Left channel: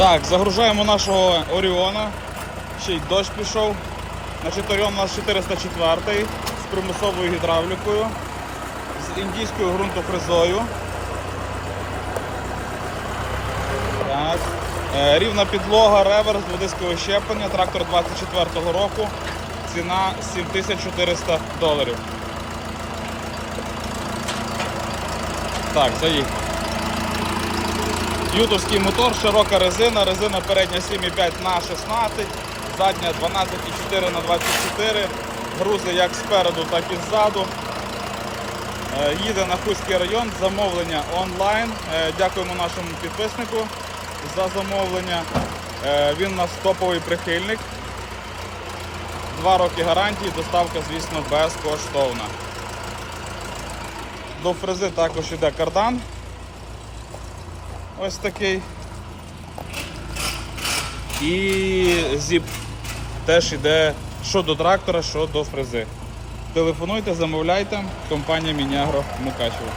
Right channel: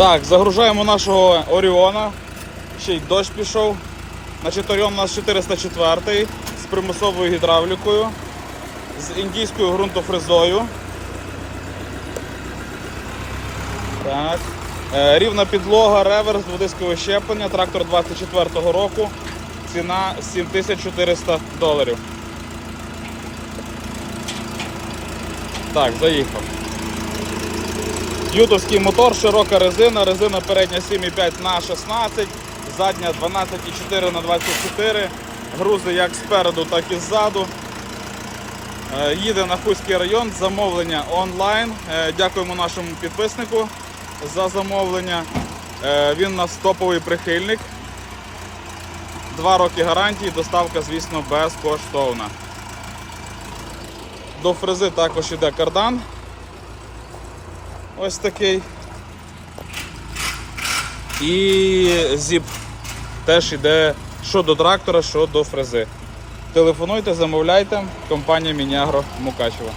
Так, загружаємо нашого Оріона. Ще й дощ пішов. Значить, Оріон у нас 404 з примусовою гідравлікою, з індійською ґрунтофрезою. Е, Рівна підлога, реверс, водискове щеплення, трактор 24-го року. Ціна 7400 доларів. Так, заїхав. Ютовський мотор, широка резина, резина передня 7,5 на 16, задня 12,4 на 24, грузи як спереду, так і ззаду. Е, Їде на Хуський район, замовлення онлайн. Е, Дякуємо нашому підписнику за замовлення. Е, Він у нас топовий прихильник. Два роки гарантії, доставка, звісно, безкоштовна. До фрези також йде кардан. Ось такий. І зіп теж йде що до трактора, що до фрези. Телефонуйте, замовляйте. Компанія Мінягро Мукачево.